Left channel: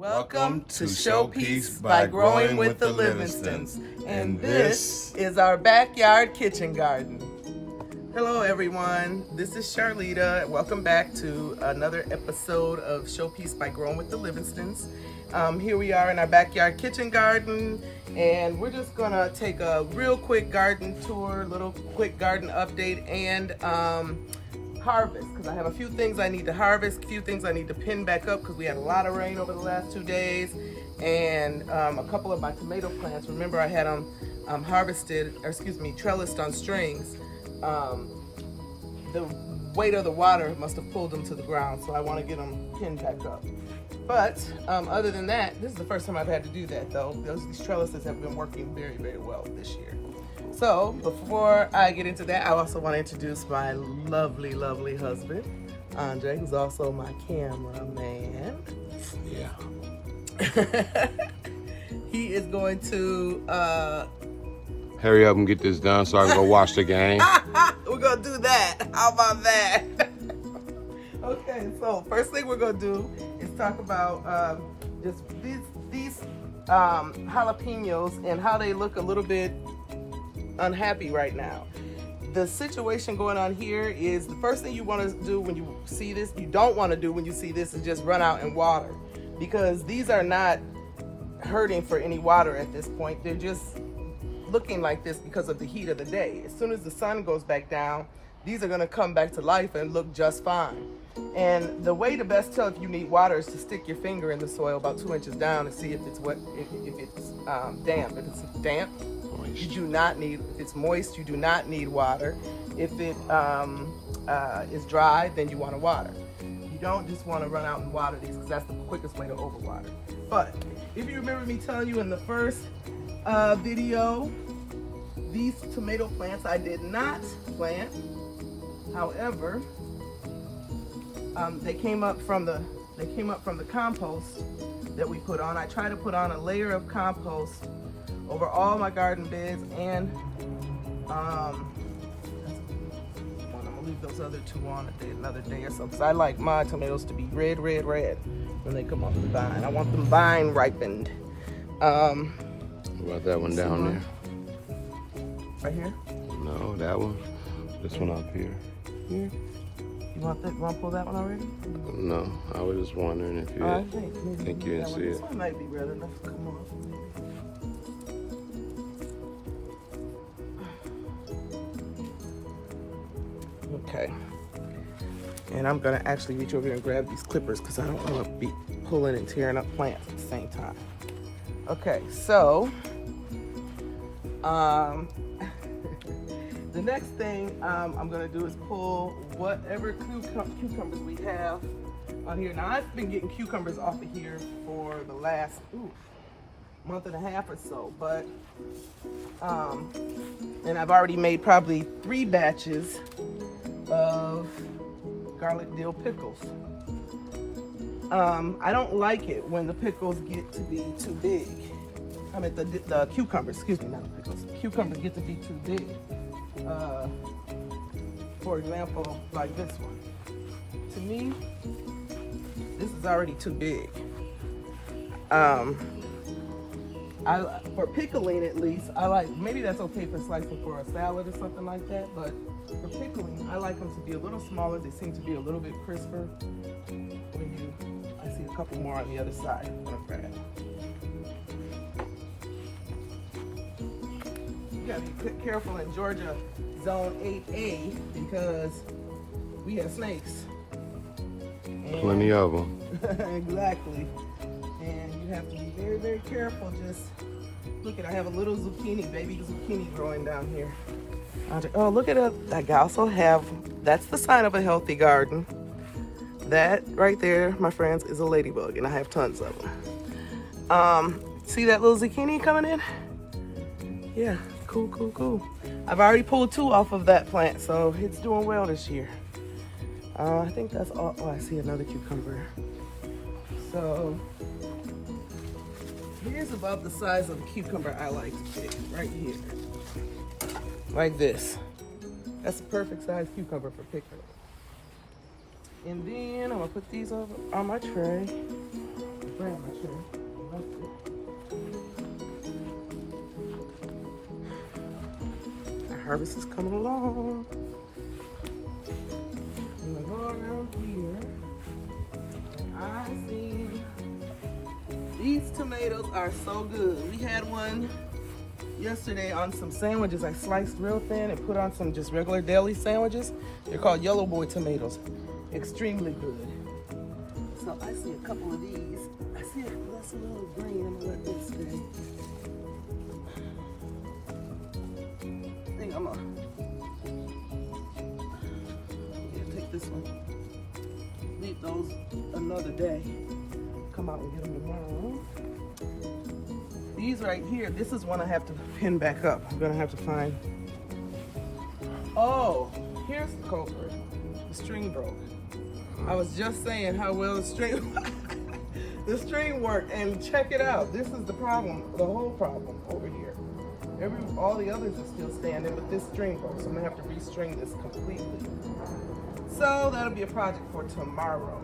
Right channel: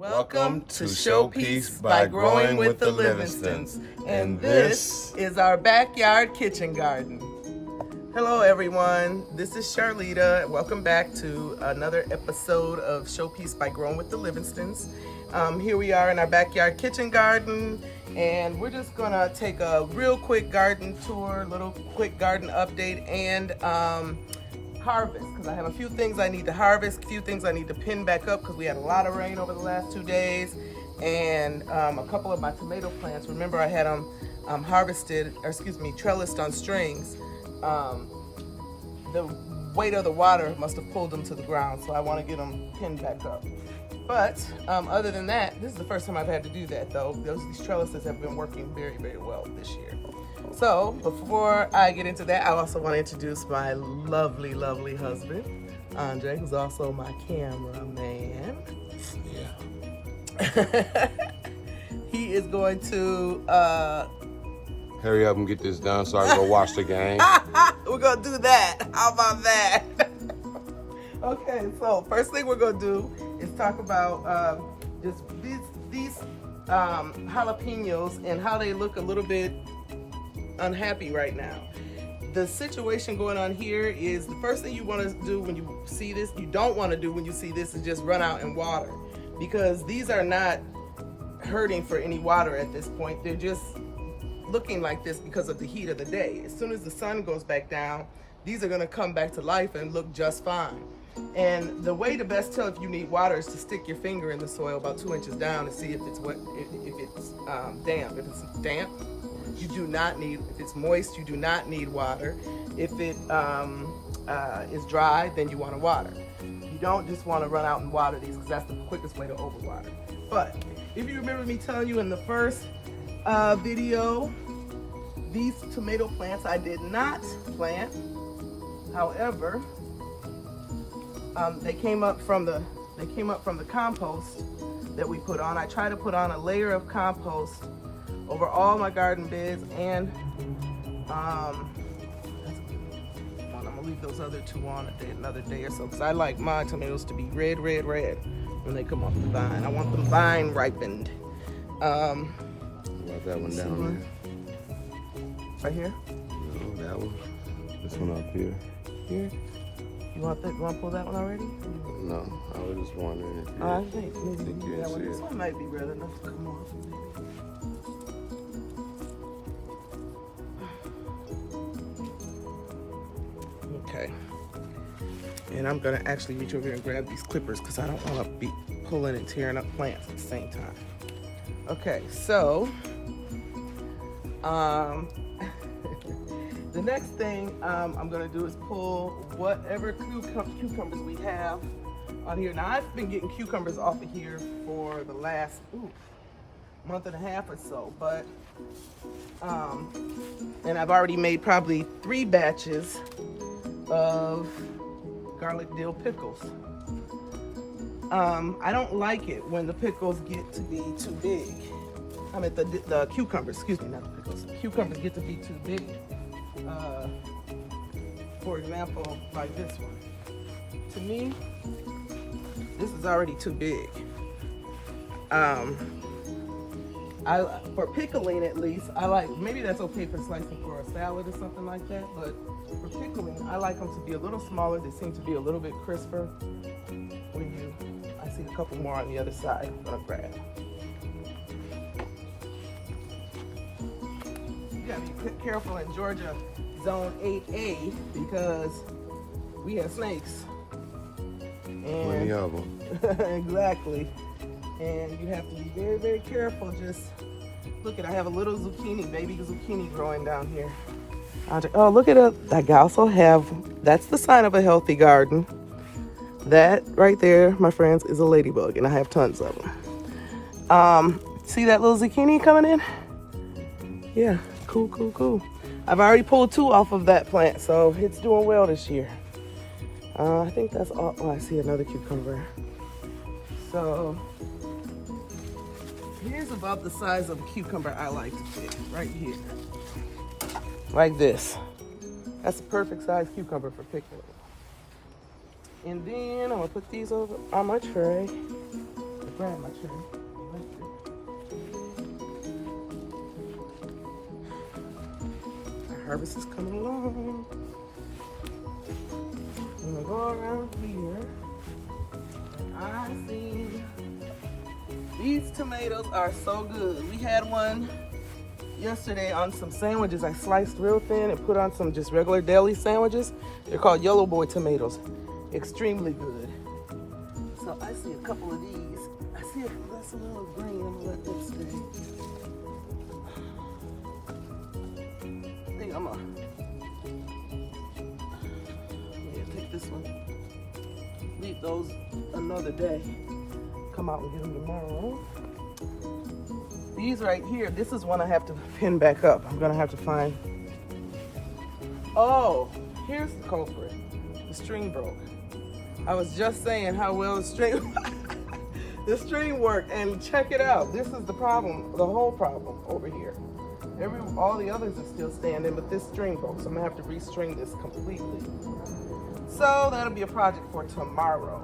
Welcome to Showpiece by Growing with the Livingstons. And this is our backyard kitchen garden. Hello everyone, this is Charlita. Welcome back to another episode of Showpiece by Growing with the Livingstons. Here we are in our backyard kitchen garden, and we're just gonna take a real quick garden tour, little quick garden update, and harvest, because I have a few things I need to harvest, a few things I need to pin back up because we had a lot of rain over the last 2 days, and a couple of my tomato plants. Remember, I had them trellised on strings. The weight of the water must have pulled them to the ground, so I want to get them pinned back up. But other than that, this is the first time I've had to do that, though. These trellises have been working very, very well this year. So before I get into that, I also want to introduce my lovely, lovely husband, Andre, who's also my cameraman. He is going to hurry up and get this done so I can go watch the game. We're gonna do that. How about that? Okay, so first thing we're gonna do is talk about just these jalapenos and how they look a little bit unhappy right now. The situation going on here is the first thing you want to do when you see this, you don't want to do when you see this, is just run out and water, because these are not hurting for any water at this point. They're just looking like this because of the heat of the day. As soon as the sun goes back down, these are going to come back to life and look just fine. And the way to best tell if you need water is to stick your finger in the soil about 2 inches down and see if it's wet, if it's damp. If it's damp, you do not need. If it's moist, you do not need water. If it is dry, then you want to water. You don't just want to run out and water these, because that's the quickest way to overwater. But if you remember me telling you in the first video, these tomato plants I did not plant. However, they came up from the compost that we put on. I try to put on a layer of compost over all my garden beds, and I'm gonna leave those other two on another day or so, because I like my tomatoes to be red when they come off the vine. I want them vine ripened. What about that one down there? Right here? No, that one. This one up here. Here? You want to pull that one already? No, I was just wondering if you. I think maybe you that one. see This it. one might be red enough to come off. Maybe. Okay. And I'm gonna actually reach over here and grab these clippers, because I don't want to be pulling and tearing up plants at the same time. Okay, so the next thing I'm gonna do is pull whatever cucumbers we have on here. Now, I've been getting cucumbers off of here for the last month and a half or so, but and I've already made probably 3 batches of garlic dill pickles. I don't like it when the pickles get to be too big. I mean, the cucumbers, excuse me, not the pickles. Cucumbers get to be too big. For example, like this one. To me, this is already too big. For pickling, at least, I like, maybe that's okay for slicing for a salad or something like that, but for pickling, I like them to be a little smaller. They seem to be a little bit crisper. I see a couple more on the other side. I'm gonna grab. You gotta be careful in Georgia Zone 8A, because we have snakes. Plenty of them. Exactly. And you have to be very, very careful. Just look at, I have a little zucchini, baby zucchini growing down here. Oh, look at it. I also have, that's the sign of a healthy garden. That right there, my friends, is a ladybug, and I have tons of them. See that little zucchini coming in? Yeah, cool. I've already pulled 2 off of that plant, so it's doing well this year. I think that's all. Oh, I see another cucumber. So here's about the size of a cucumber I like to pick, right here. Like this. That's a perfect size cucumber for pickling. And then I'm gonna put these over on my tray. grab my tray. Harvest is coming along. And we'll go around here. And I see these tomatoes are so good. We had one yesterday on some sandwiches I sliced real thin and put on some just regular deli sandwiches. They're called Yellow Boy tomatoes. Extremely good. So I see a couple of these. I see that's a little green. I'm gonna let this stay. I think I'm gonna take this one. Leave those another day. Come out and get them tomorrow. These right here, this is one I have to pin back up. I'm gonna have to find. Oh, here's the culprit. The string broke. I was just saying how well the string worked, and check it out. This is the problem, the whole problem over here. All the others are still standing, but this string broke, so I'm gonna have to restring this completely. So that'll be a project for tomorrow.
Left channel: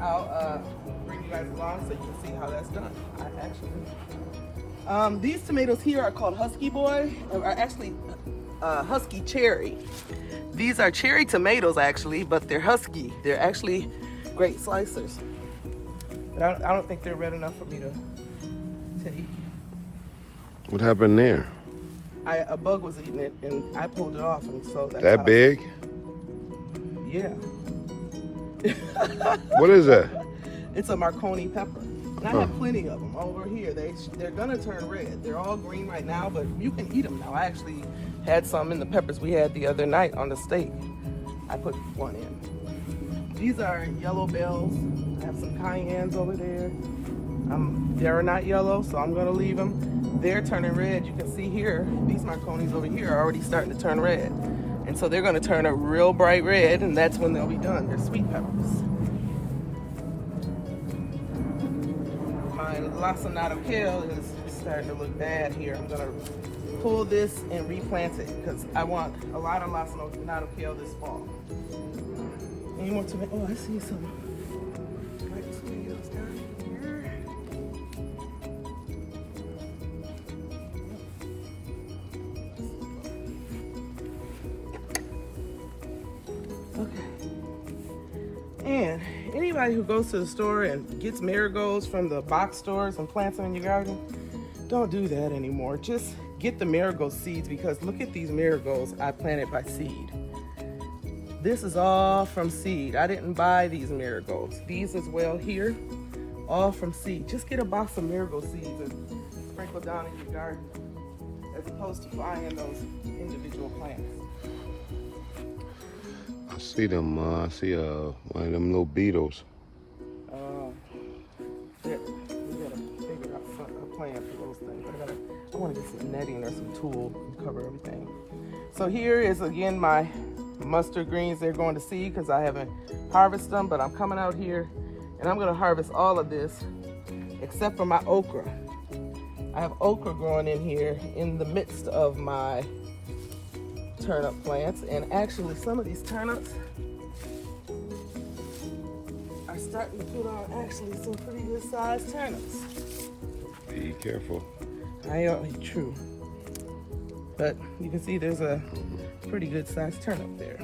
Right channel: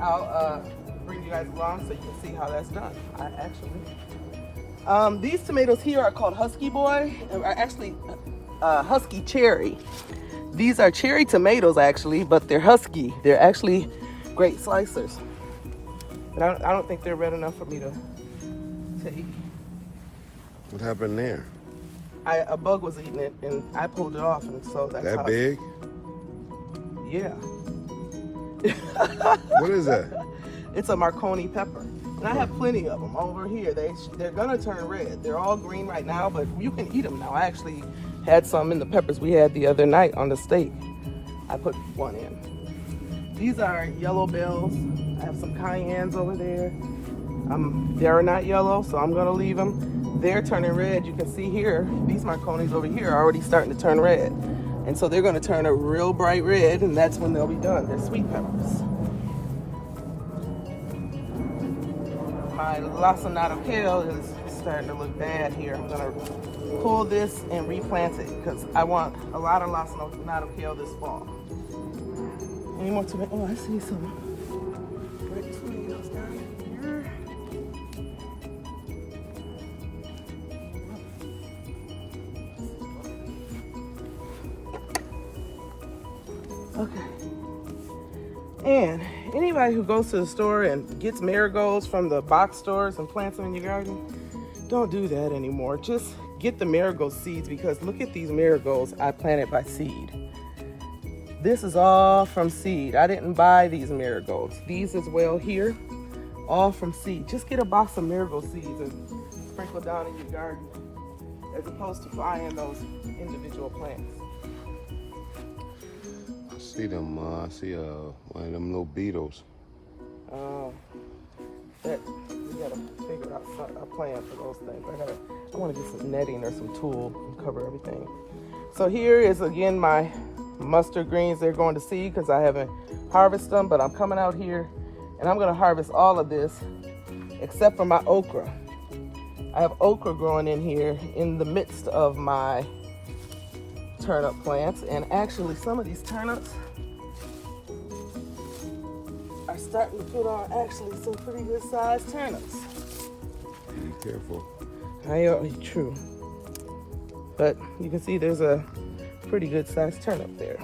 I'll bring you guys along so you can see how that's done. These tomatoes here are called Husky Boy, or actually Husky Cherry. These are cherry tomatoes actually, but they're husky. They're actually great slicers. But I don't think they're red enough for me to eat. What happened there? A bug was eating it and I pulled it off, and so that's That big? Yeah. What is that? It's a Marconi pepper. And I have plenty of them over here. They're gonna turn red. They're all green right now, but you can eat them now. I actually had some in the peppers we had the other night on the steak. I put one in. These are yellow bells. I have some cayennes over there. They're not yellow, so I'm gonna leave them. They're turning red. You can see here, these Marconis over here are already starting to turn red. And so they're gonna turn a real bright red, and that's when they'll be done. They're sweet peppers. My lacinato kale is starting to look bad here. I'm gonna pull this and replant it because I want a lot of lacinato kale this fall. Any more tomato? Oh, I see some red tomatoes down here. Okay. And anybody who goes to the store and gets marigolds from the box stores and plants them in your garden, don't do that anymore. Just get the marigold seeds, because look at these marigolds I planted by seed. This is all from seed. I didn't buy these marigolds. These as well here, all from seed. Just get a box of marigold seeds and sprinkle down in your garden, as opposed to buying those individual plants. I see them. I see one of them little beetles. We gotta figure out a plan for those things. I want to get some netting or some tulle to cover everything. So here is again my mustard greens. They're going to seed because I haven't harvested them, but I'm coming out here and I'm going to harvest all of this except for my okra. I have okra growing in here in the midst of my turnip plants, and actually some of these turnips are starting to put on actually some pretty good sized turnips. Be careful. True. But you can see there's a pretty good sized turnip there.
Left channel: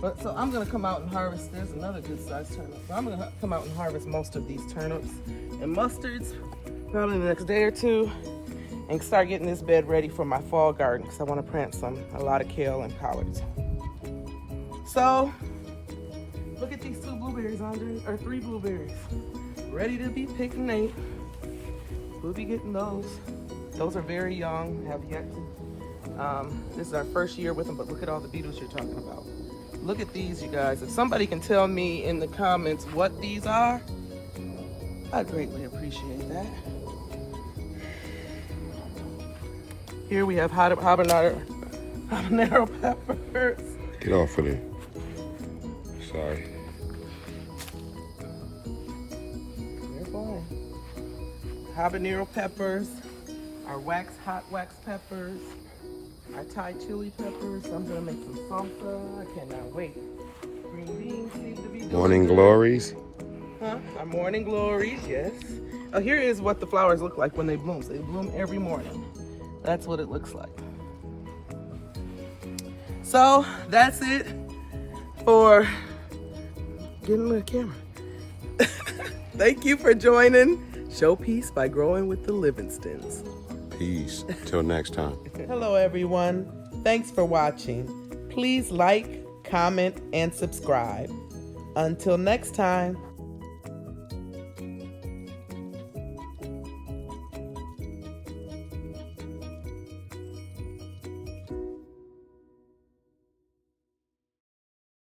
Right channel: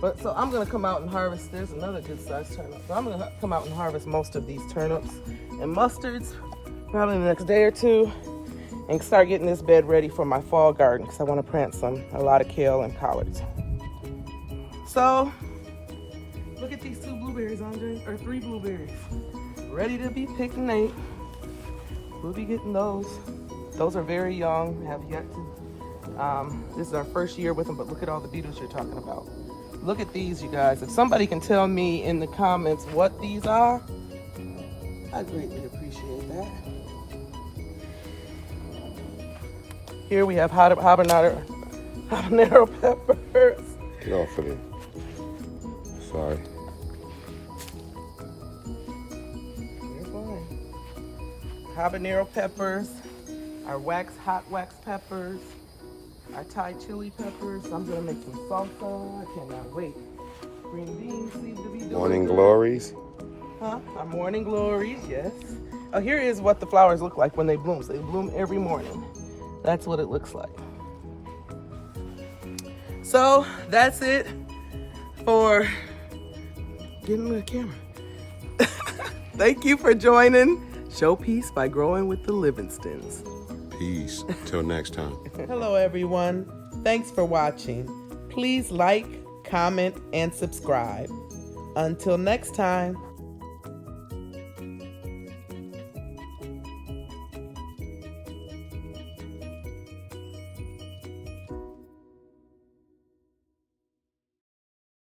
But so I'm gonna come out and harvest, there's another good sized turnip. So I'm gonna come out and harvest most of these turnips and mustards probably in the next day or two, and start getting this bed ready for my fall garden because I want to plant a lot of kale and collards. So look at these 2 blueberries, Andre, or 3 blueberries, ready to be picked and ate. We'll be getting those. Those are very young, have yet to. This is our first year with them, but look at all the beetles you're talking about. Look at these, you guys. If somebody can tell me in the comments what these are, I greatly appreciate that. Here we have habanero peppers. Get off of there. Sorry. They're fine. Habanero peppers, our hot wax peppers, our Thai chili peppers. I'm gonna make some salsa. I cannot wait. Green beans seem to be doing Morning good. glories. Huh? Our morning glories, yes. Oh, here is what the flowers look like when they bloom. So they bloom every morning. That's what it looks like. So that's it for getting the camera. Thank you for joining Showpiece by Growing with the Livingstons. Peace. Till next time. Hello, everyone. Thanks for watching. Please like, comment, and subscribe. Until next time.